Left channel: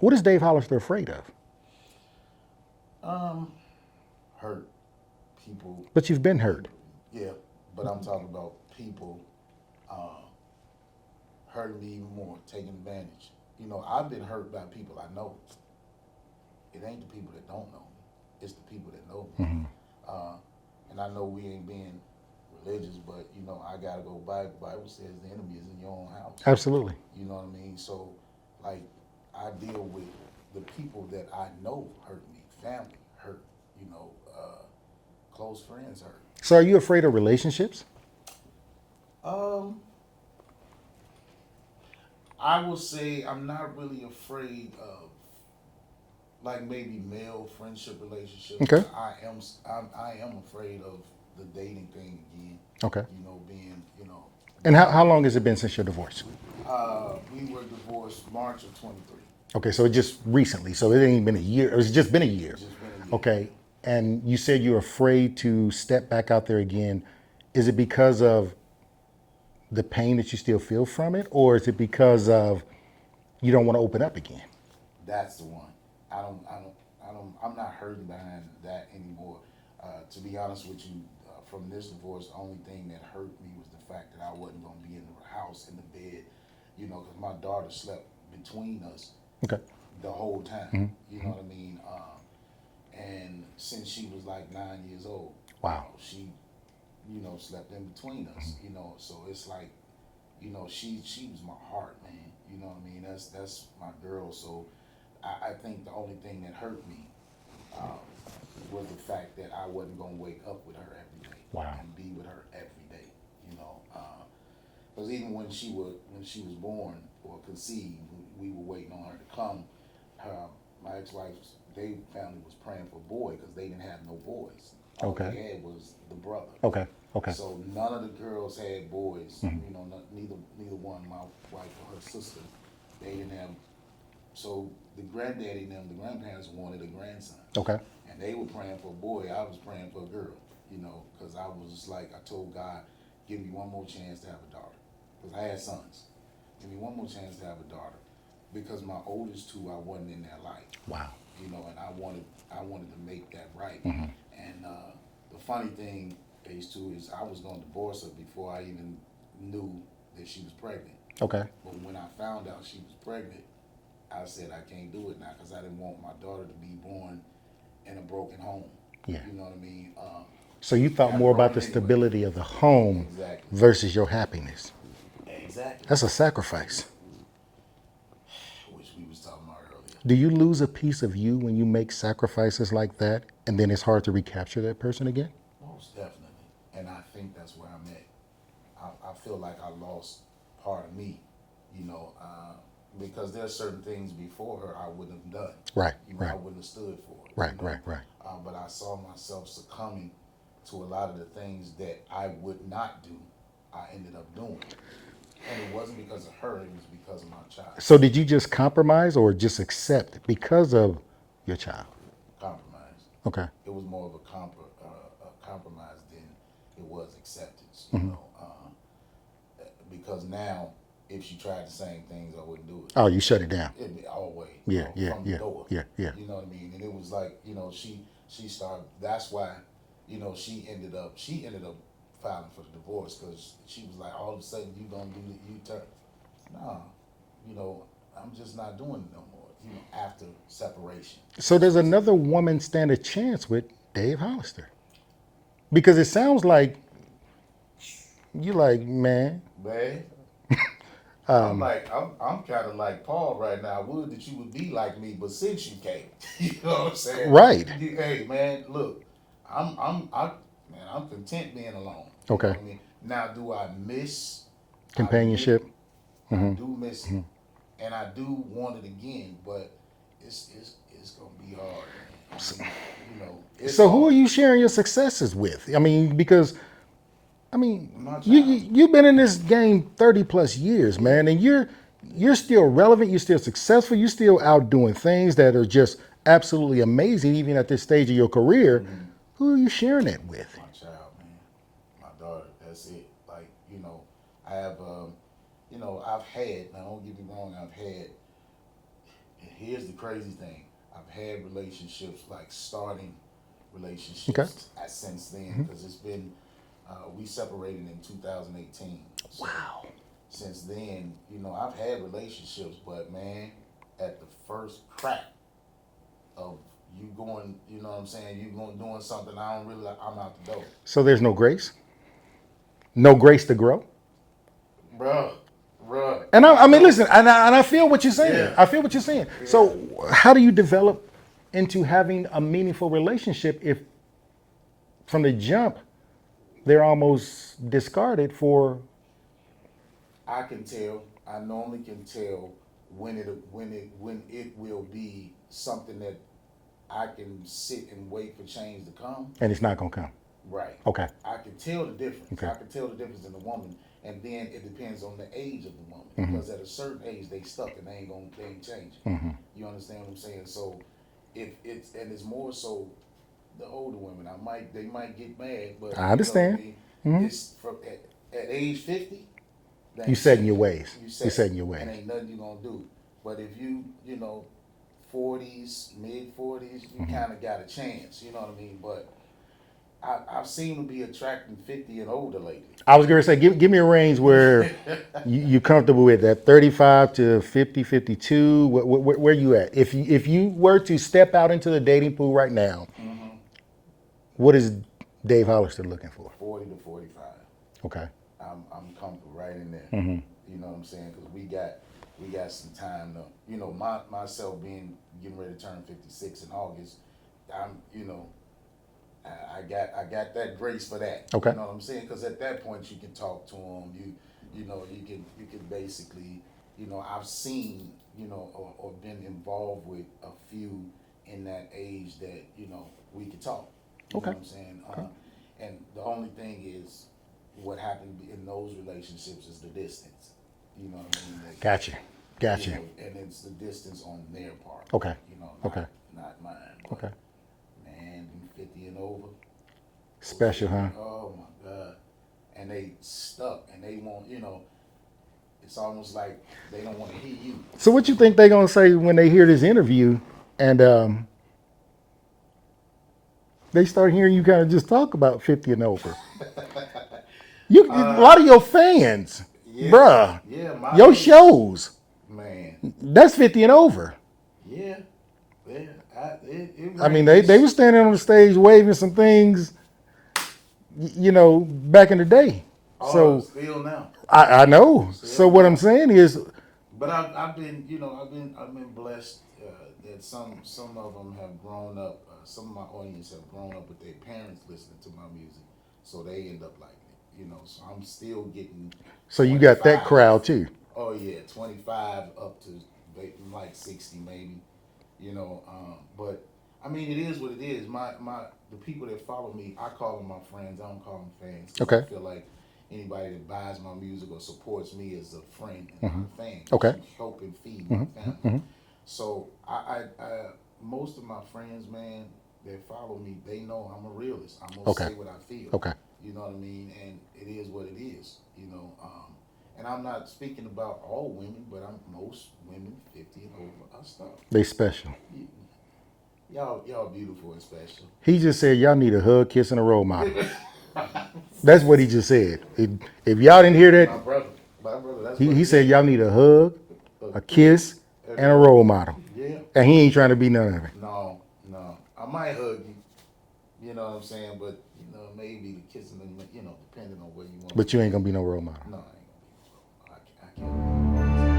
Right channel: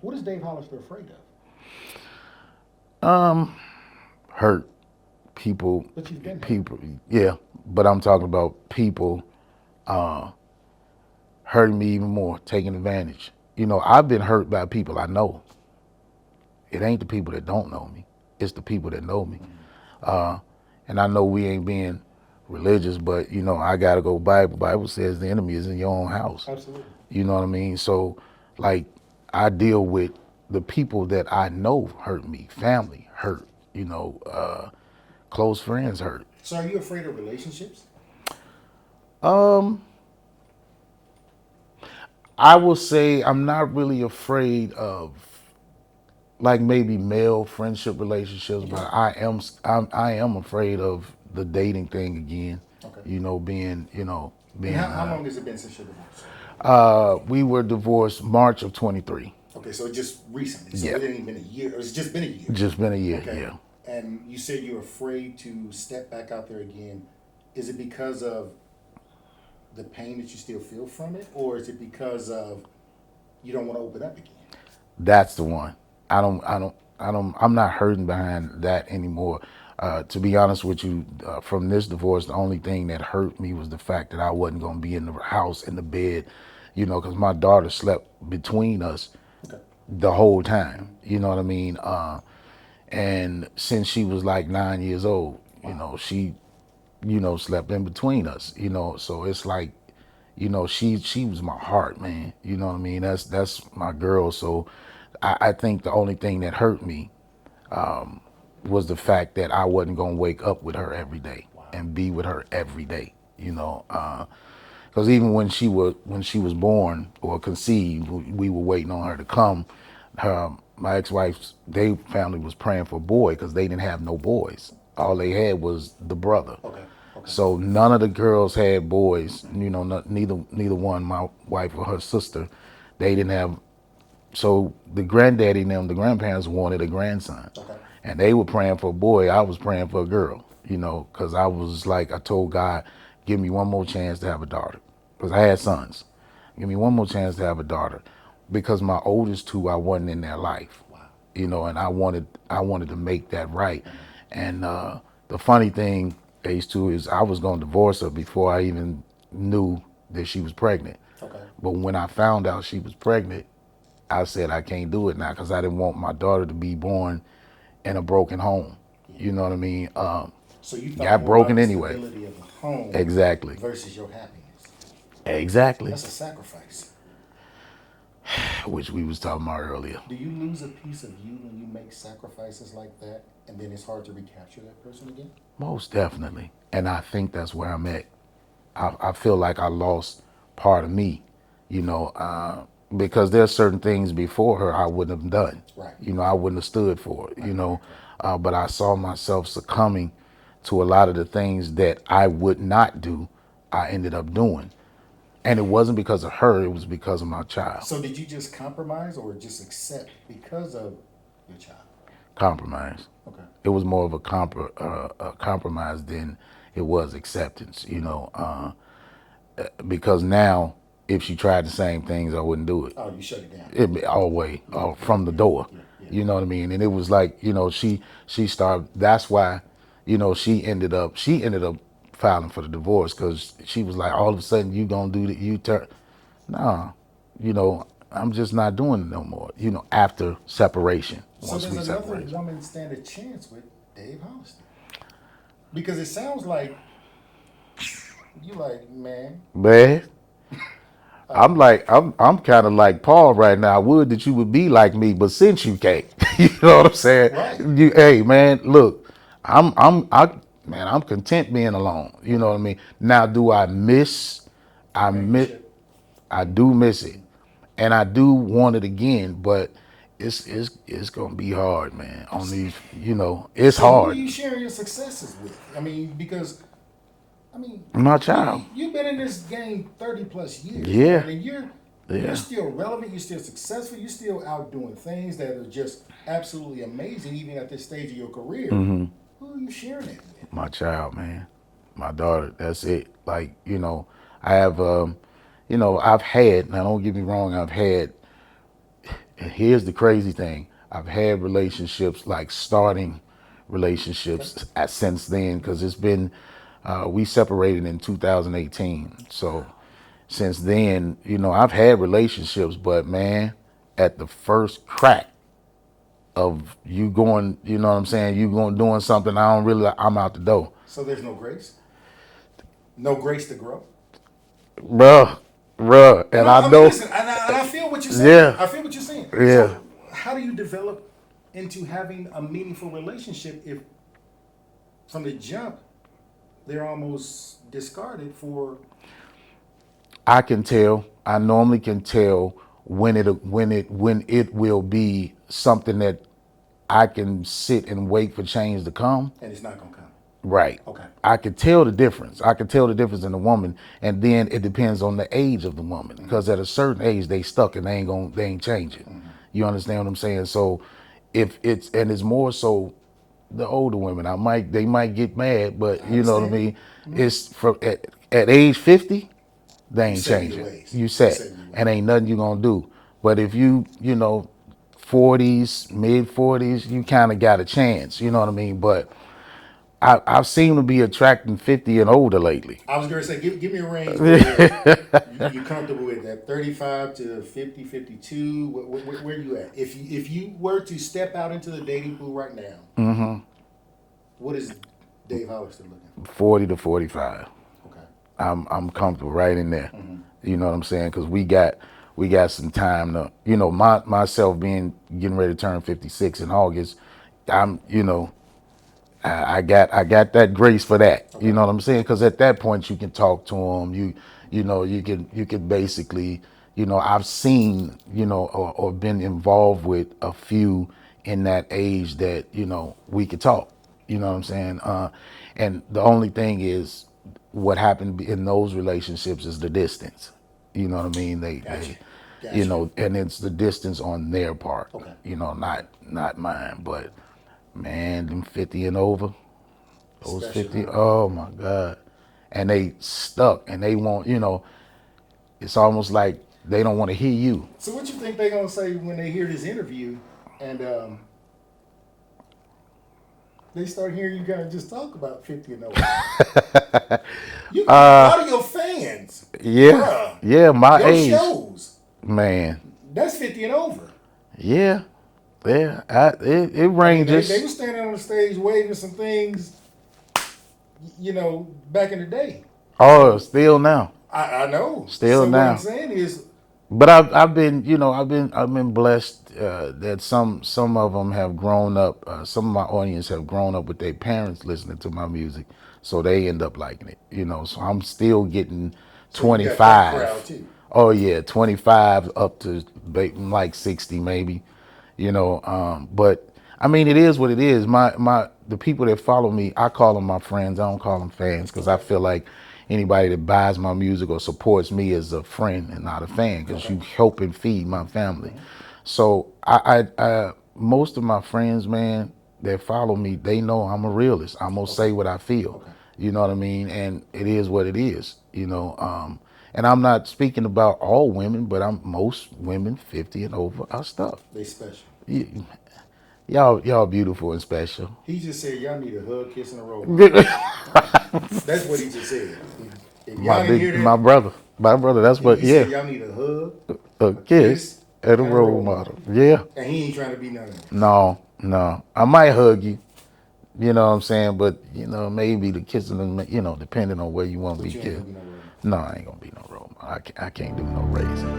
What is Dave Hollister afraid of? Hurt people, But you've been hurt. people, yeah. But I'm talking about people hurting me even more, taking advantage. I've been hurt by people I know. It ain't the people that don't know me. It's the people that know me. Uh, and I know we ain't being religious, but I gotta go Bible. Bible says the enemy is in your own house. Absolutely. You know what I mean? So, like, I deal with the people that I know hurt me, family hurt, close friends hurt. So are you afraid of relationships? Um, I will say I'm not really afraid of like maybe male friendship relationships, Okay. but I am afraid of the dating thing again. Okay. Being And being how around. long has it been since your divorce? We were divorced March of 23. Okay, so just recently. So Yeah, it ain't been a year. It's just been a year. just been a year. Okay. Yeah. And you said you're afraid to step back out there again. Is it because of the pain that you still feel from it? Or is it because of you don't want to open up again? That's the one. I'm not hurting behind that anymore. To be honest with you, from this divorce, the only thing that hurt me was the fact that I wasn't going to be in the house, in the bed, because my daughter slept between us Okay. the whole time. You know what I mean? And since she was like 9 years old, Wow. she, slept in between us, so it's like, she was my heart, man. You know what I mean? That's my girl. So I think the only thing that hurt me was the fact that I wasn't gonna wake up with her every day Wow. and be with her every day. Because even when she was born or conceived, we were waiting on her to come. My ex-wife's family was praying for a boy because they didn't have no boys. All Okay. they had was the brother. Okay. Okay. So none of the girls had boys. Neither one, my wife or her sister, they didn't have. So the granddaddy and them, the grandparents wanted a grandson, Okay. and they were praying for a boy. I was praying for a girl. Because I was like, I told God, give me one more chance to have a daughter, because I had sons. Give me one more chance to have a daughter, because my oldest two, I wasn't in their life. Wow. And I wanted to make that right. And the funny thing, Ace, too, is I was going to divorce her before I even knew that she was pregnant. Okay. But when I found out she was pregnant, I said I can't do it now because I didn't want my daughter to be born in a broken home. Yeah. You know what I mean? So you thought Got more about broken the anyway. stability of the home Exactly. versus your happiness. Exactly. That's a sacrifice. Which we was talking about earlier. Do you lose a piece of you when you make sacrifices like that and then it's hard to recapture that person again? Most definitely. And I think that's where I'm at. I feel like I lost part of me, you know, because there's certain things before her I wouldn't have done. Right, I right, wouldn't have stood for it, right, right, right. But I saw myself succumbing to a lot of the things that I would not do, I ended up doing. And it wasn't because of her, it was because of my child. So did you just compromise or just accept because of your child? Compromise. Okay. It was more of a compromise than it was acceptance, because now if she tried the same things, I wouldn't do it. Oh, you shut it down. It be all the way Yeah, yeah, from the yeah, door. yeah, yeah. You know what I mean? And it was like, she started. That's why, she ended up filing for the divorce because she was like, all of a sudden you gonna do the you turn. No, I'm just not doing it no more. After separation, So once does we another separate. woman stand a chance with Dave Hollister? Because it sounds like you like, man. Man, I'm kind of like Paul right now. I would that you would be like me, but since you can't, you know what I'm saying? Right. Hey man, look, I'm content being alone. You know what Okay. I mean? Now, do I miss? I miss. Companionship. I do miss it, and I do want it again. But it's gonna be hard, man. On these, it's So who are hard. you sharing your successes with? I mean, because My child. you've been in this game 30 plus years, Yeah, man, and you're yeah. still relevant, you're still successful, you're still out doing things that are just absolutely amazing, even at this stage of your career. Who are you sharing it with? My child, man. My daughter. That's it. Like, I have, I've had, now don't get me wrong, I've had And here's the crazy thing. I've had relationships, like starting Okay. relationships since then, because it's been, we separated in 2018. So since then, I've had relationships, but man, at the first crack of you going, you know what I'm saying, you going doing something, I'm out the door. So there's no grace, no grace to grow. Bruh, bruh. And And I I mean, know, listen, and I feel what you're saying. yeah, I feel what you're saying. yeah. So, how do you develop into having a meaningful relationship if, from the jump, they're almost discarded for? I can tell. I normally can tell when it will be something that I can sit and wait for change to come. And it's not gonna come. Right. Okay. I could tell the difference. I could tell the difference in the woman, and then it depends on the age of the woman. Because at a certain age, they stuck and they ain't changing. You understand what I'm saying? So, if it's more so the older women, they might get mad, but I you know what I understand. mean. It's from at age 50, they You ain't set in your changing. ways. You You set, set in your ways. and ain't nothing you gonna do. But if you 40s, mid 40s, you kind of got a chance. You know what I mean? But I've seemed to be attracting 50 and older lately. I was gonna say, give me a range where you comfortable with that 35 to 50, 52. Where you at? If you were to step out into the dating pool right now, what is Dave Hollister looking for? 40 to 45. Okay. I'm comfortable right in there. You know what I'm saying? Because we got some time to, myself getting ready to turn 56 in August. I'm, I got that grace for that. Okay. You know what I'm saying? Because at that point you can talk to them. You can basically, I've seen, or been involved with a few in that age that we could talk. You know what I'm saying? And the only thing is, what happened in those relationships is the distance. You know what I mean? Gotcha. Gotcha. And it's the distance on their part. Okay. Okay. Not mine. Okay. But man, them 50 and over, those Special, 50, huh? oh my God. And they stuck and they want, it's almost like they don't want to hear you. So what you think they're gonna say when they hear this interview and they start hearing you kind of just talk about 50 and over? A lot of your fans, Yeah. bruh, Yeah, my your age. shows, Man. that's 50 and over. Yeah. Yeah. It I mean, ranges. they were standing on the stage waving some things, back in the day. Oh, So still now. I know. Still So what now. I'm saying is, But I've been blessed that some of them have grown up. Some of my audience have grown up with their parents listening to my music, so they end up liking it. So I'm still getting so 25. you got that crowd too. Oh yeah, 25 up to like 60 maybe. But I mean, it is what it is. The people that follow me, I call them my friends. I don't call them fans, because I Okay. feel like anybody that buys my music or supports me is a friend and not a fan, because Okay. you help and feed my family. So I most of my friends, man, that follow me, they know I'm a realist. I'm gonna say what I feel. Okay. You know what I mean? And it is what it is. And I'm not speaking about all women, but most women 50 and over are stuck. They special. Y'all beautiful and special. He just said y'all need a hug, kiss, and a role model. That's what he just said. If y'all didn't hear My that, brother. My brother, that's he, what, he yeah. said y'all need a hug, a kiss, and a role model. Yeah. And he ain't trying to be none of it. No. I might hug you, you know what I'm saying? But, maybe the kissing, depending on where you want me But to. you ain't gonna be no role model. No, I ain't gonna be no role model. I can't do no raising.